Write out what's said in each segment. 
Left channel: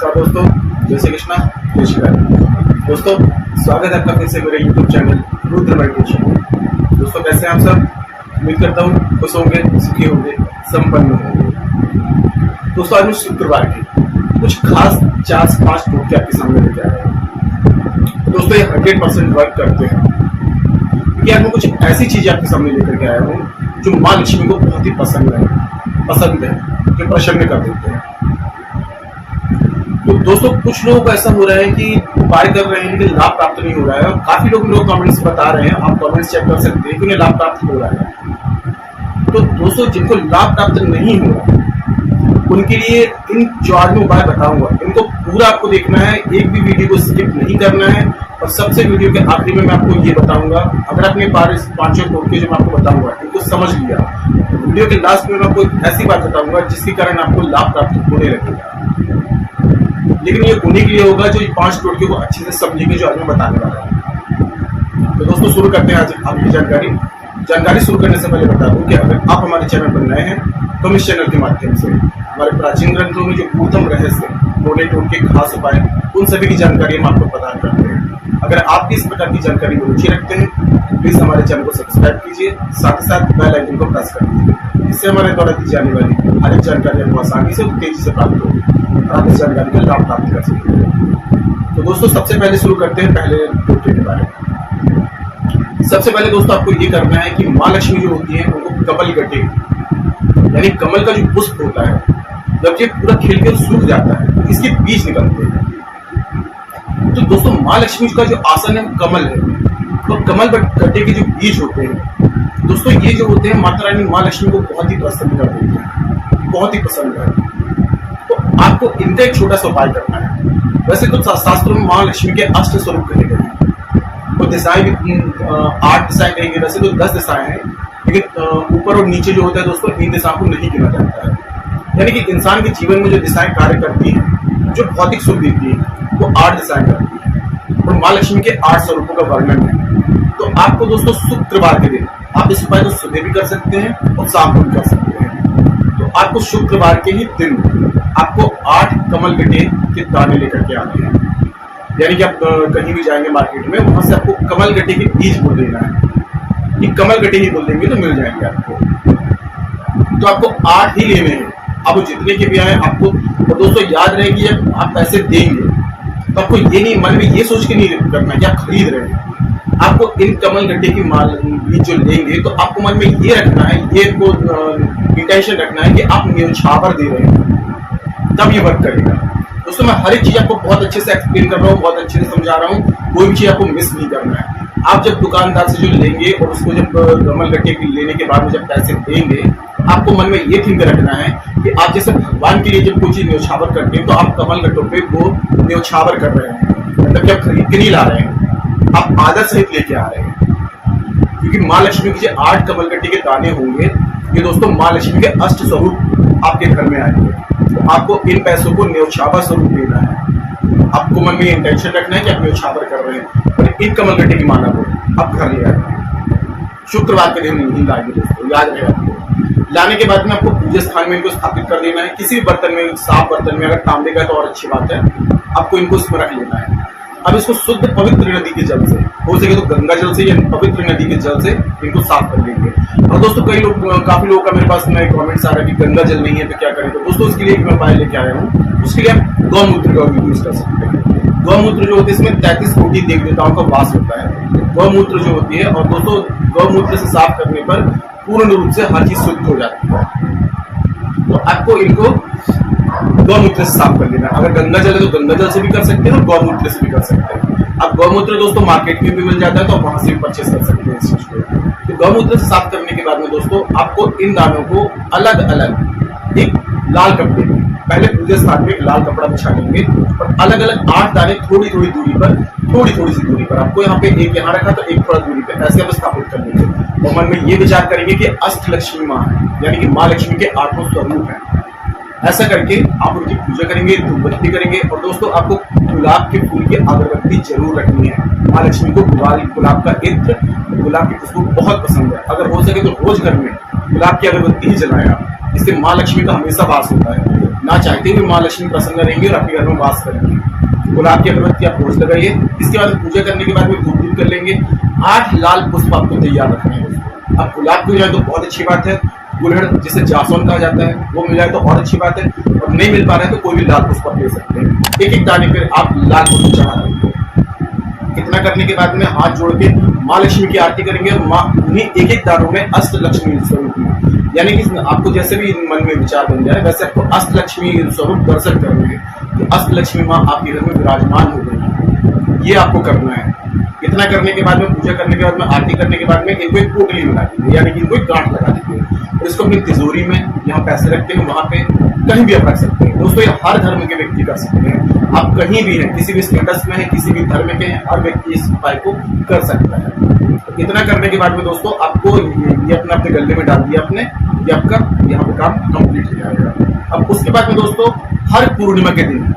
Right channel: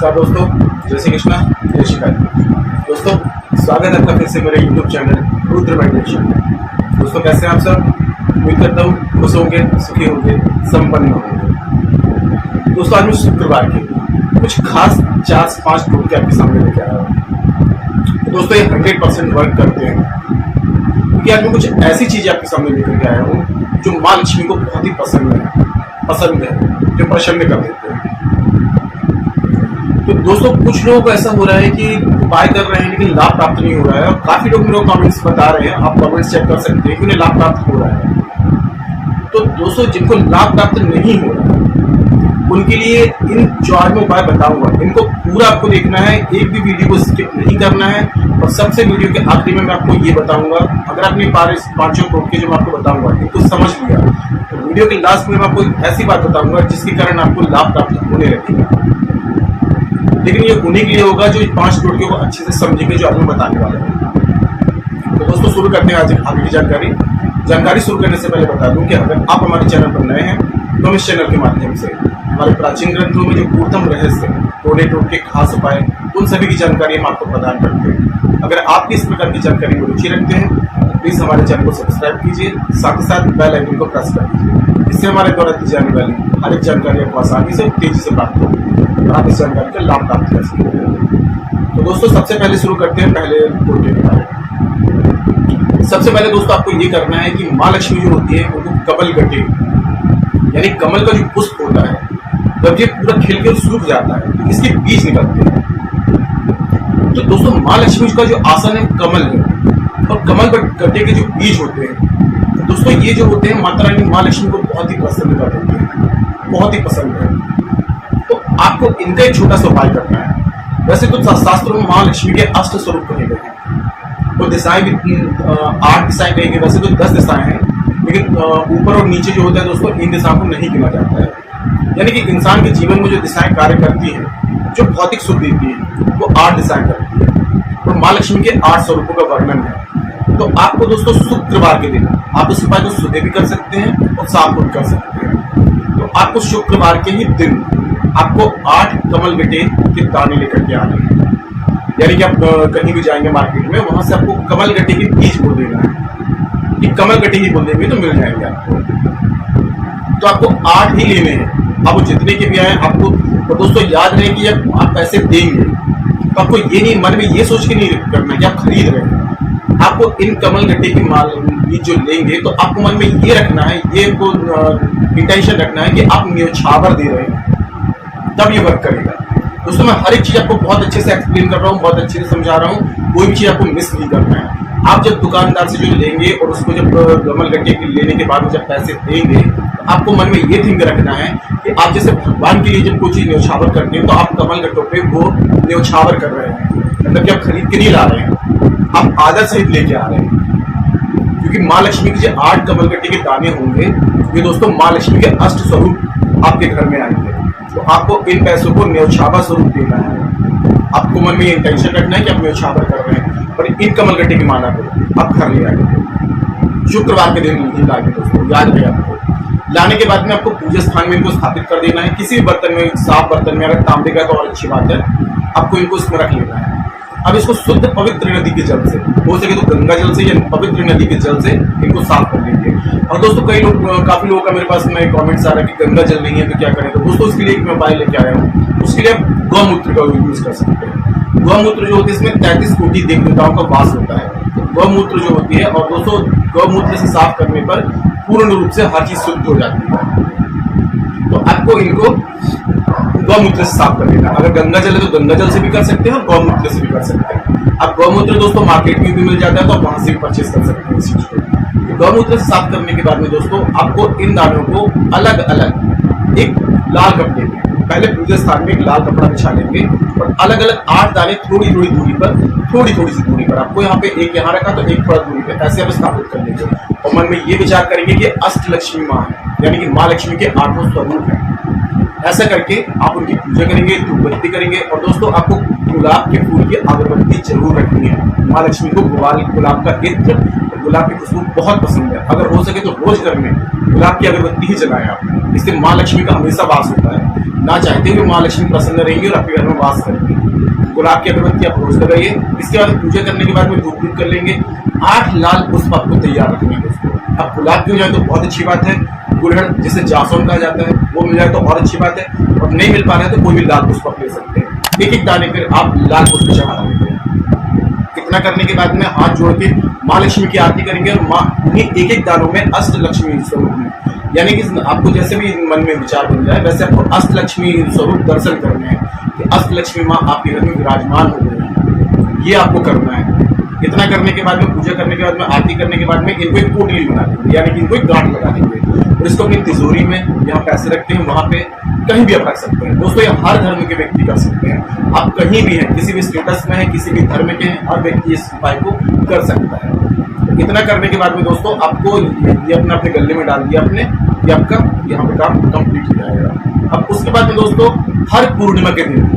नमस्कार दोस्तों, जय श्री कृष्णा, जय श्री राधे। दोस्तों स्वागत है आपका फिर से मेरे YouTube चैनल रुद्र मेडिटेशन में। दोस्तों कैसे हैं आप सब? उम्मीद करता हूँ खुश होंगे, सुखी होंगे, संपन्न होंगे। दोस्तों आज मैं शुक्रवार के कुछ खास 4 से 5 टोटके आपके सामने लेके आया हूँ। तो दोस्तों ये 100% वर्क करते हैं, क्योंकि आज मैं कुछ ऐसी चीजें आपके सामने लेकर के आया हूँ जो माँ लक्ष्मी को बहुत ही पसंद है, जो प्रसन्न कर देते हैं। तो दोस्तों कुछ लोगों को ऐसा हो रहा है कि उपाय कर रहे हैं लेकिन लाभ प्राप्त नहीं हो रहा है, और काफी लोग मेरे कमेंट्स बता रहे हैं, आप कमेंट्स चेक कर सकते हैं कि उन्हें लाभ प्राप्त हो रहा है। तो दोस्तों जिनको लाभ प्राप्त नहीं हो रहा है उनके लिए इन 4 में उपाय बताऊंगा। इनको पूरा आपको देखना है, एक भी वीडियो को स्किप नहीं करना है, और सबसे वीडियो के आखिरी में मैं आपको ये बताऊंगा, अगर आपने 5 टोटके जो मैं आपको बताऊंगा इनको समझ लिया तो वीडियो के लास्ट में मैं आपको एक ऐसी बात बताऊंगा जिसके कारण आपको लाभ प्राप्त होने लगेगा। लेकिन ये उन्हीं के लिए होगा जो 5 टोटके को अच्छे से समझेंगे जो आज मैं बताने वाला हूँ। तो दोस्तों शुरू करते हैं आज आगे की जानकारी शुरू करने से पहले बता दूं कि अगर आप हमारे चैनल पर नए हैं तो हम इस चैनल के माध्यम से हमारे प्राचीन ग्रंथों में जो पूर्वतम रहस्य, टोने टोटके, खास उपाय, उन सभी की जानकारी हम आपको प्रदान करते हैं। अगर आप भी इस प्रकार की जानकारी में रुचि रखते हैं तो प्लीज हमारे चैनल को सब्सक्राइब कीजिए, साथ ही साथ बेल आइकन को प्रेस कर दीजिए। इससे हमारे द्वारा दी जाने वाली हर एक जानकारी आपको आसानी से और तेजी से प्राप्त होगी और आप इस जानकारी का लाभ प्राप्त कर सकेंगे। तो दोस्तों सबसे पहले शुरू करते हैं पहले टोटके के बारे में। सबसे पहले दोस्तों आपको ये करना है कि माँ लक्ष्मी जो होती है उनको कमल गटे, यानी कमल का जो पुष्प होता है, जब ये पूरा खिल के सूख जाता है तो इसके बीज निकलते हैं। तो दोस्तों माँ लक्ष्मी का जो आसन है कमल है, और कमल गट्टे के जो बीज होते हैं दोस्तों ये जो होते हैं माता रानी माँ लक्ष्मी को बहुत ही प्रसन्न कर देते हैं, बहुत ही पसंद है। तो आपको इनका एक छोटा सा उपाय करना है। वैसे तो शास्त्रों में माँ लक्ष्मी के 8 स्वरूप कहे गए हैं, वो दिशाएं भी 8 दिशाएं कही गई, वैसे तो 10 दिशाएं हैं, लेकिन ऊपर और नीचे जो होता है दोस्तों इन दिशाओं को नहीं गिना जाता है। यानी कि इंसान के जीवन में जो दिशाएं कार्य करती हैं, जो भौतिक सुख देती है, वो 8 दिशाएं करती है, और माँ लक्ष्मी के 8 स्वरूपों का वर्णन है। तो आपको दोस्तों शुक्रवार के दिन आप इस उपाय को सुबह भी कर सकते हैं और शाम को भी कर सकते हैं। तो आपको शुक्रवार के ही दिन आपको 8 कमल गट्टे के दाने लेकर के आने हैं। यानी कि आप कहीं भी जाएंगे मार्केट में, वहां से आपको कमल गट्टे के बीज बोल देना है। ये कमल गट्टे ही बोल देंगे तो मिल जाएंगे आपको। तो आपको 8 ही लेने हैं, आप वो जितने के भी आए आपको। और दोस्तों याद रहे कि जब आप पैसे देंगे तो आपको ये नहीं मन में ये सोच के नहीं करना है कि आप खरीद रहे हैं। आपको इन कमल गट्टे की माल बीज जो लेंगे तो आपको मन में ये रखना है, ये इंटेंशन रखना है कि आप न्योछावर दे रहे हैं, तब ये वर्क करेगा। दोस्तों मैं हर एक चीज आपको बहुत अच्छे से एक्सप्लेन कर रहा हूँ, बहुत अच्छे से समझा रहा हूँ, कोई भी चीज आपको मिस नहीं करना है। आप जब दुकानदार से जो लेंगे और उसको जब कमल गट्टे की लेने के बाद में जब पैसे देंगे तो आपको मन में ये थिंक रखना है कि आप जैसे भगवान के लिए जब कोई चीज न्योछावर करते हैं तो आप कमल गट्टों पे वो न्योछावर कर रहे हैं, मतलब कि आप खरीद के नहीं ला रहे हैं, आप आदर सहित लेके आ रहे हैं। क्योंकि माँ लक्ष्मी के जो 8 कमल गट्टे के दाने होंगे ये दोस्तों माँ लक्ष्मी के 8 स्वरूप आपके घर में आएंगे। तो आपको इन पैसों को न्योछावर स्वरूप देना है। आपको मन में ये इंटेंशन रखना है कि आप न्योछावर कर रहे हैं, और इन कमल गट्टे की माला को आप घर ले आएंगे। शुक्रवार के दिन नहीं लाएंगे दोस्तों, याद रहे आपको। लाने के बाद में आपको पूजा स्थान में इनको स्थापित कर देना है, किसी भी बर्तन में, साफ बर्तन में, अगर तांबे का तो और अच्छी बात है, आपको इनको इसमें रख लेना है। अब इसको शुद्ध पवित्र नदी के जल से, हो सके तो गंगा जल से या पवित्र नदी के जल से इनको साफ कर लेंगे। और दोस्तों काफी लोगों का मेरे पास में कमेंट्स आ रहा है कि गंगा जल नहीं है तो क्या करें। तो दोस्तों उसके लिए एक मैं उपाय लेके आया हूँ, उसके लिए आप गौमूत्र का यूज कर सकते हैं। गौमूत्र जो होती है इसमें 33 कोटि देवी देवताओं का वास होता है। गौमूत्र जो होती है, और दोस्तों गौमूत्र से साफ करने पर पूर्ण रूप से हर चीज शुद्ध हो जाती है। तो आपको इनको गौमूत्र से साफ कर लेना। अगर गंगा जल है तो गंगा जल से भी कर सकते हैं और गौमूत्र से भी कर सकते हैं। अब गौमूत्र दोस्तों मार्केट में भी मिल जाता है, तो आप वहां से भी परचेस कर सकते हैं इस चीज को। तो गौमूत्र से साफ करने के बाद में दोस्तों आपको इन दानों को अलग अलग एक लाल कपड़े में, पहले पूजा स्थान में एक लाल कपड़ा बिछा लेंगे, और अलग अलग 8 दाने थोड़ी थोड़ी दूरी पर, थोड़ी थोड़ी सी दूरी पर, आपको यहाँ पे एक यहाँ रखा तो एक थोड़ा दूरी पे, ऐसे आप स्थापित कर लेंगे। और मन में ये विचार करेंगे कि अष्ट लक्ष्मी माँ है, यानी कि माँ लक्ष्मी के 8 स्वरूप है। ऐसा करके आप उनकी पूजा करेंगे, धूपबत्ती करेंगे। और दोस्तों आपको गुलाब के फूल की अगरबत्ती जरूर रखनी है। माँ लक्ष्मी को गुलाब का इत्र और गुलाब की खुशबू बहुत पसंद है। अगर हो सके तो रोज घर में गुलाब की अगरबत्ती ही जलाएं आप, इससे माँ लक्ष्मी का हमेशा वास होता है। ना चाहते हुए माँ लक्ष्मी प्रसन्न रहेंगी और आपके घर में वास करेंगे। गुलाब की अगरबत्ती आप रोज लगाइए। इसके बाद पूजा करने के बाद में धूप दीप कर लेंगे। 8 लाल पुष्प आपको तैयार रखने हैं दोस्तों। अब गुलाब की हो जाए तो बहुत अच्छी बात है, गुड़हल जिसे जासौन कहा जाता है वो मिल जाए तो और अच्छी बात है, और नहीं मिल पा रहा है तो कोई भी लाल पुष्प आप ले सकते हैं। एक एक दाने पर आप लाल पुष्प चढ़ा रहे हैं। इतना करने के बाद में हाथ जोड़ के माँ लक्ष्मी की आरती करेंगे और माँ उन्हीं एक एक दानों में अष्ट लक्ष्मी स्वरूप में, यानी कि आपको जैसे भी मन में विचार बन जाए वैसे आपको अष्ट लक्ष्मी स्वरूप दर्शन करने हैं कि अष्ट लक्ष्मी माँ आपके घर में विराजमान हो गई है। ये आपको करना है। इतना करने के बाद में, पूजा करने के बाद में, आरती करने के बाद में इनको एक पोटली बना देंगे, यानी कि इनको एक गांठ लगा देंगे और इसको अपनी तिजोरी में, जहाँ पैसे रखते हैं वहां पे कहीं भी आप रख सकते हैं दोस्तों। ये हर धर्म के व्यक्ति कर सकते हैं। आप कहीं भी हैं, किसी भी स्टेटस में हैं, किसी भी धर्म के हैं, हर व्यक्ति इस उपाय को कर सकता है। इतना करने के बाद में दोस्तों आपको ये अपने गले में डाल दिया आपने, ये आपका यहाँ पे काम कंप्लीट हो जाएगा। अब उसके बाद में दोस्तों हर पूर्णिमा के दिन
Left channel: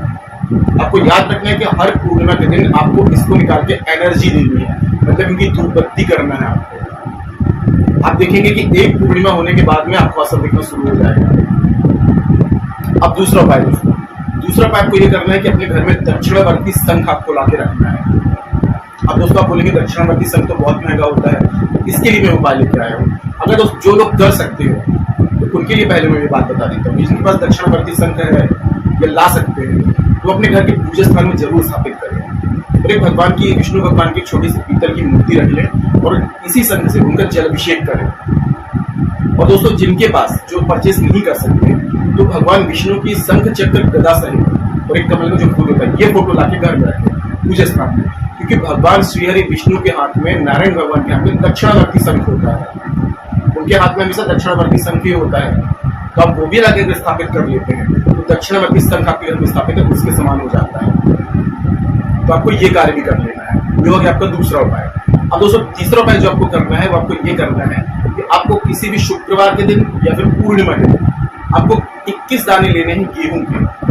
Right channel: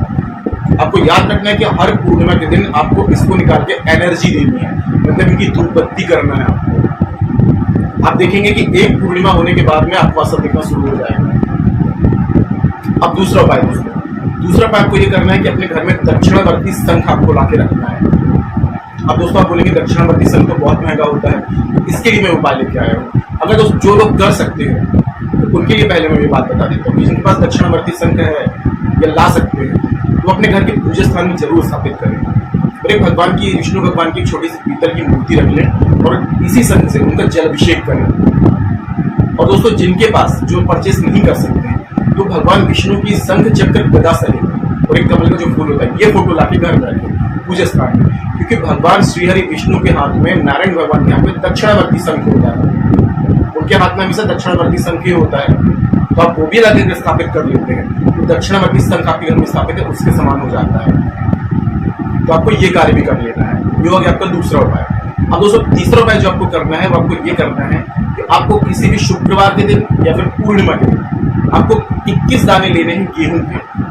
आपको याद रखना है कि हर पूर्णिमा के दिन आपको इसको निकाल के एनर्जी देनी है, मतलब इनकी धूप बत्ती करना है आपको। आप देखेंगे कि एक पूर्णिमा होने के बाद में आपको असर दिखना शुरू हो जाएगा। अब दूसरा उपाय दोस्तों, दूसरा उपाय आपको ये करना है कि अपने घर में दक्षिणावर्ती शंख आपको लाके रखना है। अब दोस्तों आप बोलेंगे दक्षिणावर्ती शंख तो बहुत महंगा होता है, इसके लिए मैं उपाय लेके आया हूँ। अगर दोस्त जो लोग कर सकते हैं तो उनके लिए पहले मैं ये बात बता देता हूँ। जिनके पास दक्षिणावर्ती शंख है या ला सकते हैं तो अपने घर के पूजा स्थान में जरूर स्थापित करें। और एक भगवान की, विष्णु भगवान की एक छोटी सी पीतल की मूर्ति रख लें और इसी शंख से उनका जल अभिषेक करें। और दोस्तों जिनके पास, जो परचेस नहीं कर सकते, तो भगवान विष्णु की शंख चक्र गदा सहित और एक कमल का जो फूल होता है ये फोटो लाके घर में रखें पूजा स्थान में, क्योंकि भगवान श्रीहरि विष्णु के हाथ में, नारायण भगवान के हाथ में दक्षिणावर्ती शंख होता है। उनके हाथ में हमेशा दक्षिणावर्ती शंख ही होता है, तो आप वो भी लाके स्थापित कर लेते हैं तो दक्षिणावर्ती शंख आपके घर में स्थापित है, उसके समान हो जाता है। तो आपको ये कार्य भी कर लेना है। ये हो गया आपका दूसरा उपाय। अब दोस्तों तीसरा उपाय जो आपको करना है वो आपको ये करना है कि आपको किसी भी शुक्रवार के दिन या फिर पूर्णिमा के दिन आपको 21 दाने लेने हैं गेहूं के।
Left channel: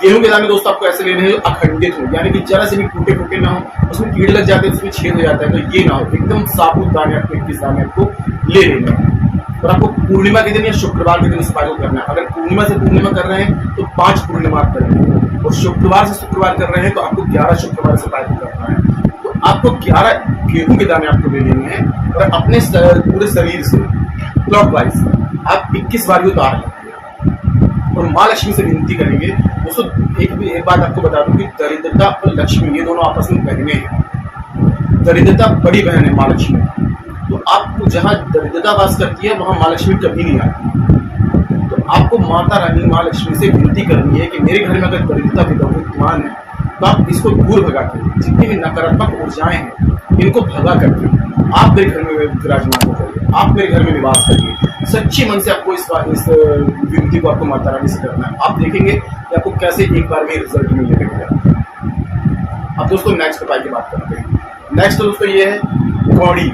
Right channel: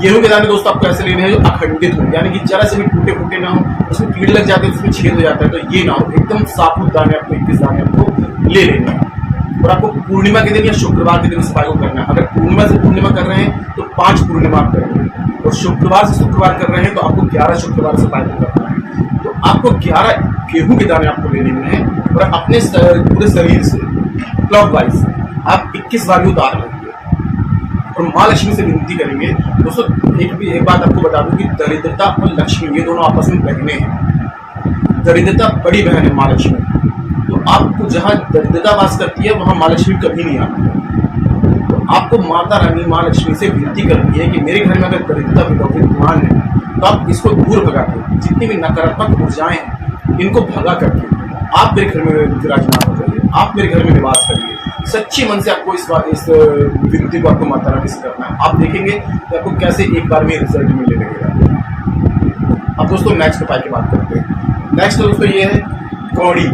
गेहूं के दाने दोस्तों आपको ऐसे लेने हैं जो अखंडित हो, यानी कि जरा से भी टूटे फूटे ना हो, उसमें कीड़े लग जाते हैं, उसमें छेद हो जाता है, तो ये ना हो, एकदम साबुत दाने आपको 21 दाने आपको ले लेने हैं। और आपको पूर्णिमा के दिन या शुक्रवार के दिन इस उपाय को करना है। अगर पूर्णिमा से पूर्णिमा कर रहे हैं तो 5 पूर्णिमा आप करेंगे, और शुक्रवार से शुक्रवार कर रहे हैं तो आपको 11 शुक्रवार से उपाय को करना है। तो आपको 11 गेहूं के दाने आपको ले लेने हैं और अपने पूरे शरीर से क्लॉकवाइज आप 21 बार उतार लेंगे और माँ लक्ष्मी से विनती करेंगे। दोस्तों एक बात आपको बता दूं कि दरिद्रता और लक्ष्मी ये दोनों आपस में बहनें हैं। दरिद्रता बड़ी बहन है माँ लक्ष्मी, तो आपको जहाँ दरिद्रता वास करती है वहाँ माँ लक्ष्मी कभी नहीं आती। तो आपको माता रानी माँ लक्ष्मी से विनती करनी है कि मेरे घर में अगर दरिद्रता विद्यमान है तो आप इसको दूर भगा के, जितनी भी नकारात्मक ऊर्जाएं हैं इनको भगा करके आप मेरे घर में विराजमान हो जाइए, आप मेरे घर में निवास करिए। सच्ची मन से आपको इस विनती को आपको माता रानी से करना है। आप देखेंगे कि आपको कैसे एक बार में रिजल्ट मिलने लगेगा। अब दोस्तों नेक्स्ट उपाय की बात करते हैं। नेक्स्ट दोस्तों ये है कौड़ी।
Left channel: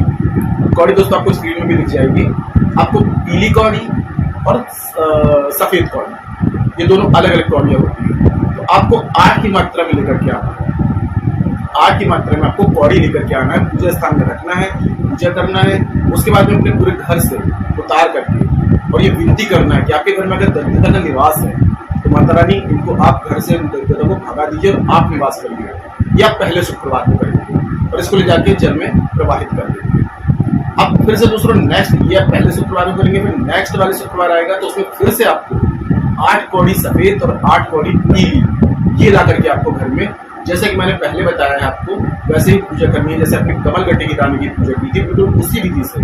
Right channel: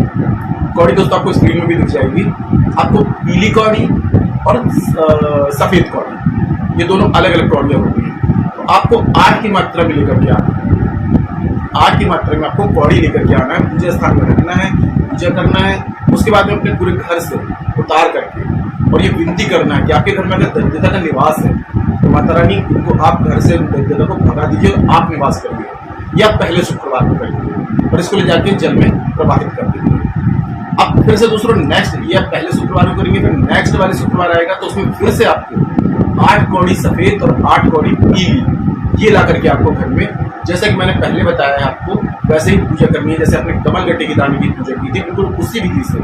कौड़ी दोस्तों आपको स्क्रीन में भी दिख जाएगी। आपको पीली कौड़ी और सफेद कौड़ी, ये दोनों अलग अलग कौड़ियाँ होती हैं। तो आपको 8 की मात्रा में लेकर के आना है। 8 की मात्रा में आपको कौड़ी लेकर के आना है, पूजा स्थान में रखना है, पूजा करना है। उसके बाद में अपने पूरे घर से उतार करके और ये विनती करना है कि आपके घर में अगर दरिद्रता का निवास है तो माता रानी इनको आप घर से दरिद्रता को भगा दीजिए और आप निवास करिए। या पहले शुक्रवार को करिए और इसको ले जाके जल में प्रवाहित कर दीजिए। अब फिर से दूसरों नेक्स्ट, ये आप पहले शुक्रवार को करेंगे, फिर नेक्स्ट वाले शुक्रवार आएगा तो उसमें फिर से आपको 8 कौड़ी सफेद और 8 कौड़ी पीली ये ला करके आपको घर में, जैसा कि मैंने पहले बताया है आपको, वैसे ही पूजा करनी है। जैसे आपने कमल गट्टे की दाने की पूजा की थी, बिल्कुल उसी विधि से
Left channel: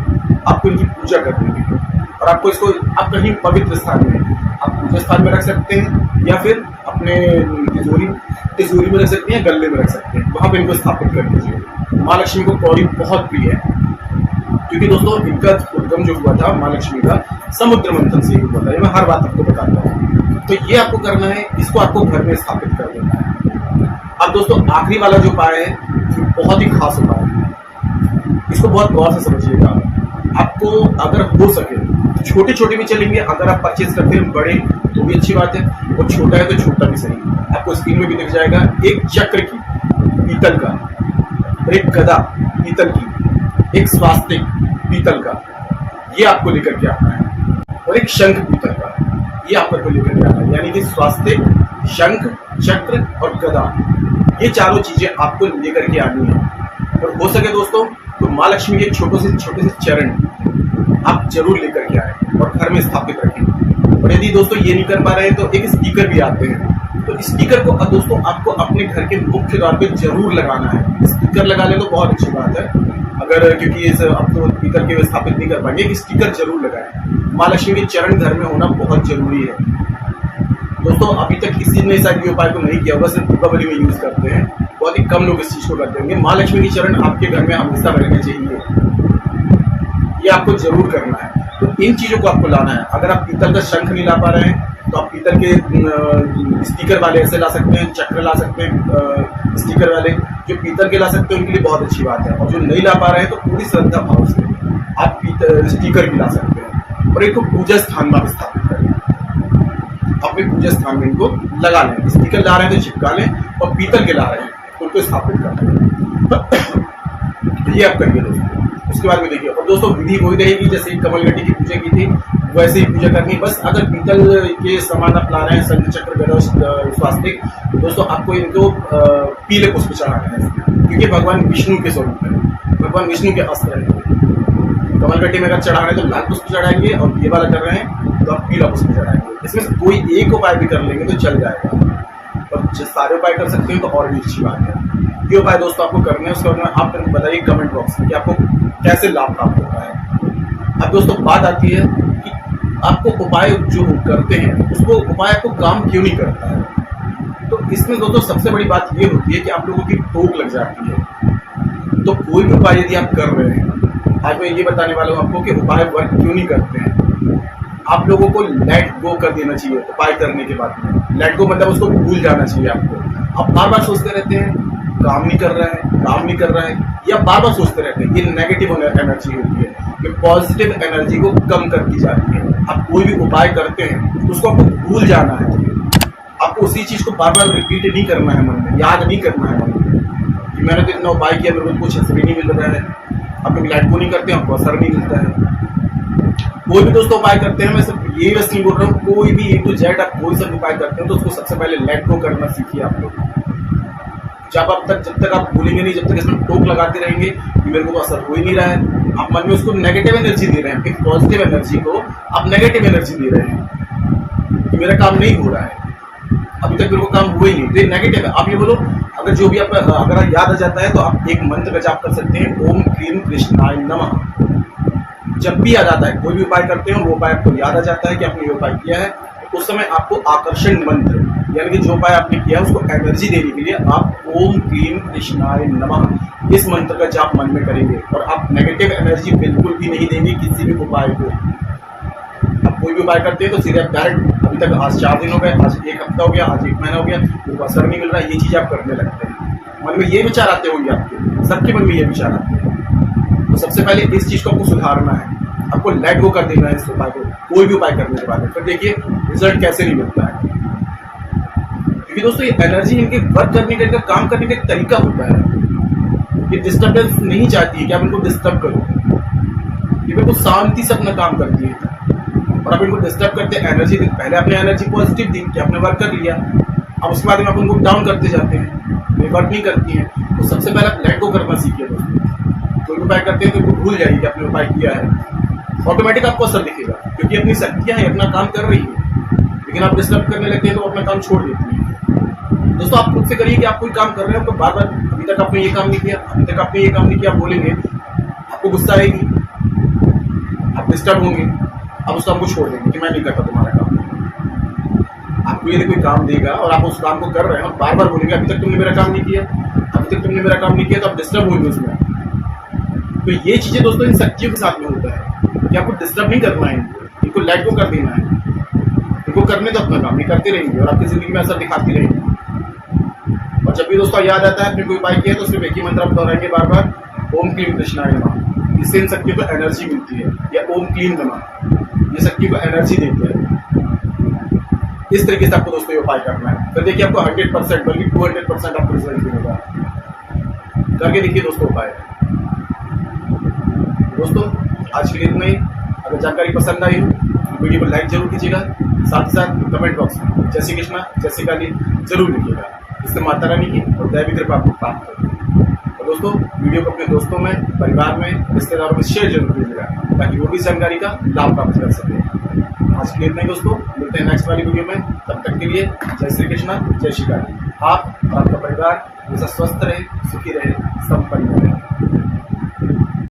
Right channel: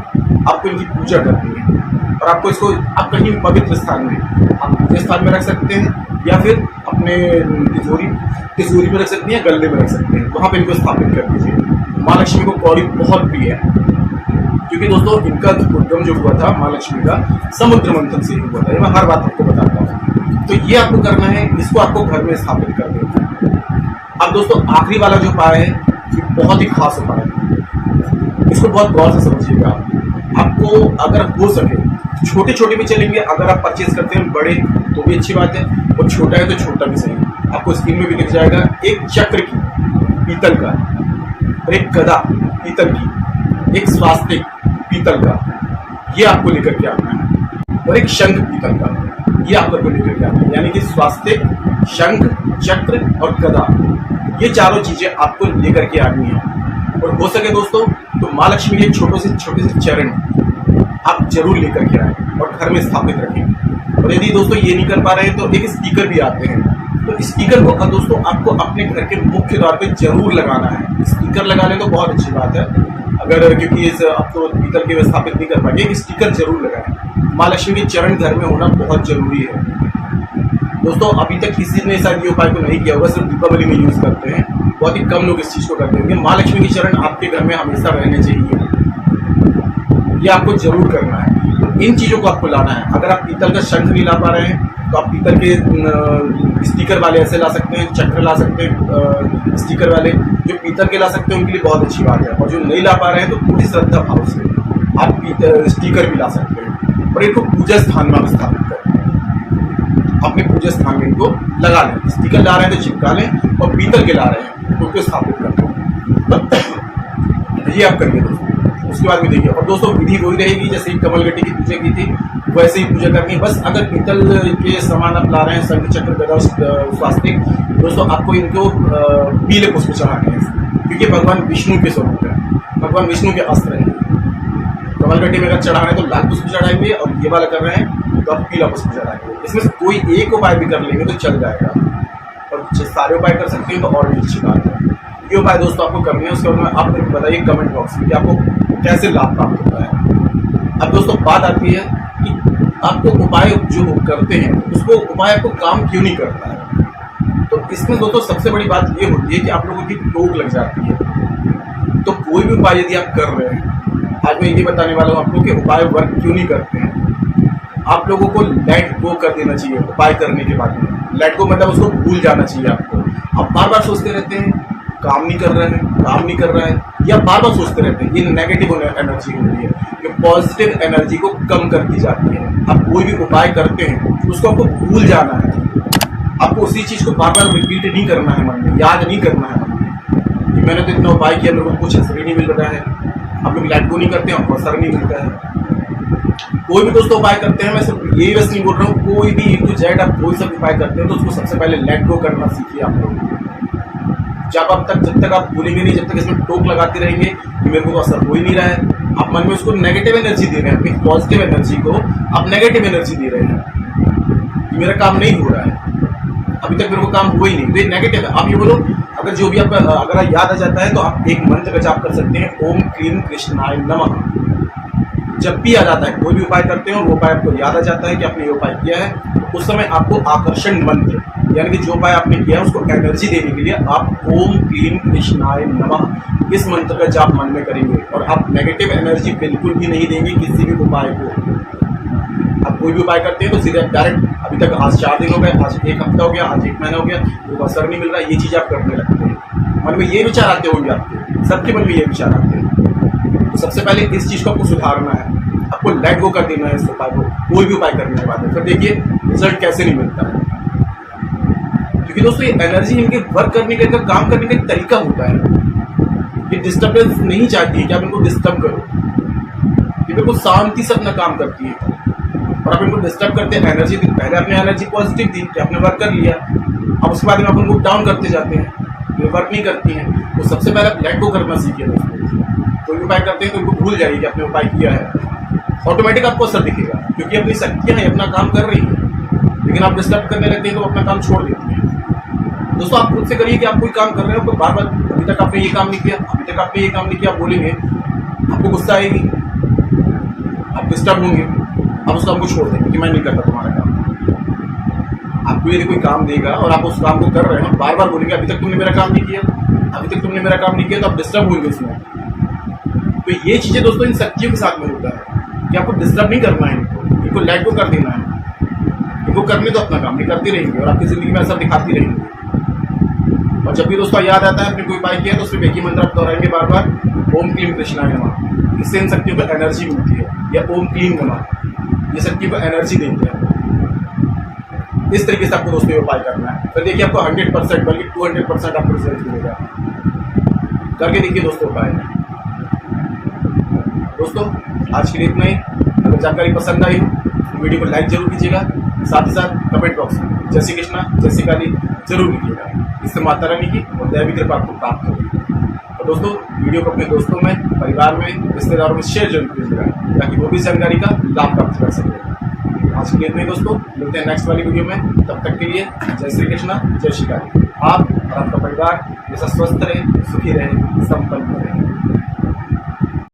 आपको इनकी पूजा करनी है। और आपको इसको आप कहीं पवित्र स्थान में, आप पूजा स्थान में रख सकते हैं या फिर अपने तिजोरी में रख सकते हैं, गले में रख सकते हैं, वहां पे इनको स्थापित कर दीजिए। माँ लक्ष्मी को कौड़ी बहुत प्रिय है, क्योंकि दोस्तों इनका उद्गम जो हुआ था माँ लक्ष्मी का समुद्र मंथन से ही हुआ था। ये मैं हर बात आपको बताता हूँ। तो ये आपको करना है, इसको आपको घर में स्थापित कर देना है। अब दोस्तों आखिरी वाला जो उपाय है ये बहुत ही खास उपाय है, इसको बहुत गौर से समझिएगा। आपको अगर हो सके छोटे छोटे भी चलेंगे, अगर आप परचेज करते हैं बड़े तो भी अच्छी बात है, और छोटा है तो छोटा भी सही। आपको स्क्रीन में भी दिख जाएगा, एक चक्र की पीतल का, और एक गदा पीतल की, एक स्वास्तिक पीतल का, ये आपको लेकर के आना है, और एक शंख पीतल का। ये आप करके लेकर के आना है, यानी कि स्वास्तिक, शंख, चक्र और गदा, ये चारों चीजें आपको लेकर के आनी है। और हो सके दोस्तों तो माँ लक्ष्मी के छोटे से चरण आप जरूर लेकर के आए और घर में स्थापित रखें। और यदि दोस्तों ये नहीं कर पा रहे हैं तो एक स्पीकर भी आते हैं, तो स्पीकर को दोस्तों आपको अपने घर के मुख्य द्वार पे जरूर लगाना है। स्पीकर लगा ले तो बहुत अच्छी बात है, अगर क्योंकि इस अब तो पीतल के स्थापित नहीं कर पाएंगे, एक स्पीकर जरूर लगाएं। माँ लक्ष्मी के चरण घर में होना बहुत जरूरी है दोस्तों। अभी तक किसी ने शायद ये उपाय को नहीं किया होगा, सिर्फ दीपावली में यूज करते हैं, बहुत ही कम लोग इस चीज को करते होंगे। माँ लक्ष्मी के चरण आपके घर में हमेशा रहने चाहिए, ये आपको जरूर करना है। तो इन चीजों को आपको लाना है। अगर आप पीतल का शंख नहीं ला पा रहे हैं तो आप पीतल के स्टिकर वाले ऐसे ला सकते हैं, चक्र ला सकते हैं स्टिकर वाले, जो पीतल के ला सकते हैं उनके लिए बहुत अच्छी बात है। और जो नहीं ला पा रहे हैं तो पूरी श्रद्धा भाव से आप स्टिकर भी ला सकते हैं और इनको पूजा स्थान में आप स्थापित करें, अपने पूजा स्थान में इनको लगा लें। स्टिकर ला रहे हैं तो चिपका लें, और पीतल के ला रहे हैं तो उनको स्थापित कर दें। ये आप करिए दोस्तों। उसके बाद में देखिए, और दोस्तों विधि वही रहेगी जैसे ही कमलगट्टी की पूजा की थी वैसे ही पूजा करनी है। बस अगर पीतल के सामान आप ला रहे हैं, शंख, चक्र, गदा, स्वास्तिक, दोस्तों आपको इनको पीले पुष्प चढ़ाने हैं, क्योंकि भगवान विष्णु के स्वरूप है, भगवान विष्णु के अस्त्र हैं। कमलगट्टी में अगर चढ़ा रहे हैं तो लाल पुष्प चढ़ाएंगे, और ये वाला कर रहे हैं तो आप पीला पुष्प चढ़ाएंगे। इसमें से कोई एक उपाय भी कर लेंगे तो चल जाएगा, और सारे उपाय कर सकते हैं तो और भी अच्छी बात है। ये उपाय दोस्तों आपको करने हैं। उसके बाद में आप मेरे को बताइए कमेंट बॉक्स में कि आपको कैसे लाभ प्राप्त होता है। अब दोस्तों बात आती है कि आपको उपाय जो करते हैं उसको उपाय आपको काम क्यों नहीं करता है। तो इसमें दोस्तों सबसे बड़ी बात ये होती है कि आप लोगों की टोक लग जाती है। तो कोई भी उपाय यदि आप कर रहे हैं, आज मैं ये बताने वाला हूँ आपको कि उपाय वर्क क्यों नहीं करते हैं। आप लोगों को लेट गो कर देना चाहिए उपाय करने के बाद में। लेट गो मतलब उसको भूल जाना चाहिए आपको। आप बार बार सोचते रहते हैं काम नहीं कर रहा है, काम नहीं कर रहा है, या बार बार सोचते रहते हैं, ये नेगेटिव एनर्जी होती है, ये पॉजिटिव एनर्जी को कम करती जाती है। आप कोई भी उपाय करते हैं उसको आपको भूल जाना है, आपको उसी चीज को बार बार रिपीट नहीं करना है, मन में याद नहीं करना है मन में कि मैंने तो इतना उपाय किया, मेरे को कुछ असर ही नहीं मिल रहा है। आप लोग लेट गो नहीं करते हैं, आपको असर नहीं मिलता है। कोई भी दोस्तों उपाय करते हैं, मैं सिर्फ ये बस नहीं बोल रहा हूँ, कोई भी A to Z आप कोई सा उपाय करते हैं तो उसको सबसे पहले लेट गो करना सीखिए आप लोग। जब तक आप भूलेंगे नहीं, जब तक इसमें टोक लगाते रहेंगे कि मेरे को तो असर हो ही नहीं रहा है, आप मन में उसको नेगेटिव एनर्जी दे रहे हैं। एक पॉजिटिव एनर्जी को आप नेगेटिव एनर्जी दे रहे हैं कि मेरा काम नहीं हो रहा है, अभी तक मेरे को काम हुआ ही नहीं, तो ये नेगेटिव है। आप ये बोलो, अगर जो भी आप अगर याद आ जाता है तो आप एक मंत्र का जाप कर सकते हैं, ओम क्लीम कृष्णाय नमः। जब भी याद आता है, कोई भी उपाय करते हो वो उपाय आपको याद आ जाता है कि आपने ये उपाय किया है, तो उस समय आपको आकर्षण मंत्र यानी कि जो उपाय आपने किया है उसको एनर्जी देने के लिए आप ओम क्लीम कृष्णाय नमः इस मंत्र का जाप मन में करेंगे, और आप नेगेटिव एनर्जी बिल्कुल भी नहीं देंगे किसी भी उपाय को। आप कोई भी उपाय करते हैं तो सीधे डायरेक्ट, अभी तक आज 4 दिन हो गए, आज 1 हफ्ता हो गया, आज 1 महीना हो गया, वो असर नहीं मिल रहा, ये चीज़ आप करने लगते हैं। मन में ये विचार आते होंगे आपके, सबके मन में ये विचार आते हैं। तो सबसे पहले इस चीज़ को आपको सुधारना है, आपको लेट गो कर देना है इस उपाय को, कोई भी उपाय करने के बाद। फिर देखिए रिजल्ट कैसे नहीं मिलता है, क्योंकि दोस्तों ये एनर्जी इनके वर्क करने का, काम करने का एक तरीका होता है। ये डिस्टर्बेंस नहीं चाहती है कि आप इनको डिस्टर्ब करो, ये बिल्कुल शांति से अपना काम करती है, और आप इनको डिस्टर्ब करते हैं एनर्जी। पहले आपने एनर्जी पॉजिटिव दी कि आपने वर्क कर लिया, अब उसके बाद में आप उनको डाउन करते जाते हैं, ये वर्क नहीं करती हैं। तो सबसे पहले आप लेट गो करना सीखिए दोस्तों। कोई भी उपाय करते हैं तो उनको भूल जाइए कि आपने उपाय किया है, ऑटोमेटिक आपको असर दिखेगा, क्योंकि अपनी शक्तियाँ हैं, अपना काम कर रही है। लेकिन आप डिस्टर्ब करने लगते हैं तो अपना काम छोड़ देती है। दोस्तों आप खुद से करिए कि आप कोई काम कर रहे हो तो बार बार अभी तक आपने ये काम नहीं किया, अभी तक आपने ये काम नहीं किया, आप बोलेंगे, आपको गुस्सा आएगी, आप डिस्टर्ब होंगे, आप उस काम को छोड़ देंगे कि मैं नहीं करता तुम्हारा काम। आपको यदि कोई काम देगा और आप उस काम को कर रहे हैं, बार बार बोलेंगे अभी तक तुमने मेरा काम नहीं किया, अभी तक तुमने मेरा काम नहीं किया, तो आप डिस्टर्ब होंगे उसमें। तो ये चीज़ें दोस्तों इन शक्तियों के साथ में होता है कि आपको डिस्टर्ब नहीं करना है, इनको लेट गो कर देना है, इनको करने तो अपना काम नहीं करते रहेंगे और आपकी ज़िंदगी में असर दिखाती रहेंगे। और जब भी दोस्तों याद आता है आपने कोई उपाय किया तो सिर्फ एक ही मंत्र आप दोहराएंगे बार बार, ओम क्लीम कृष्णाय नमः। इससे इन शक्तियों को एनर्जी मिलती है, या ओम क्लीम नमः, ये शक्ति को एनर्जी देते हैं। इस तरीके से आपको दोस्तों ये उपाय करना है। फिर देखिए आपको 100% बल्कि 200% आपको रिजल्ट मिलेगा। करके देखिए दोस्तों उपाय। दोस्तों आज के लिए इतना ही। अगर जानकारी पसंद आई हो तो वीडियो को लाइक जरूर कीजिएगा, साथ ही साथ कमेंट बॉक्स में जय श्री कृष्णा जय श्री काली जरूर लिखिएगा। इससे माता रानी की और दैवी कृपा आपको प्राप्त होगी। और दोस्तों वीडियो को अपने दोस्तों में, परिवार में, रिश्तेदारों में शेयर जरूर कीजिएगा ताकि वो भी जानकारी का लाभ प्राप्त कर सके। आज के लिए इतने दोस्तों, मिलते हैं नेक्स्ट वाली वीडियो में। तब तक के लिए जय श्री कृष्णा जय श्री काली। आप और आपका परिवार हमेशा स्वस्थ रहे, सुखी रहे, संपन्न रहे।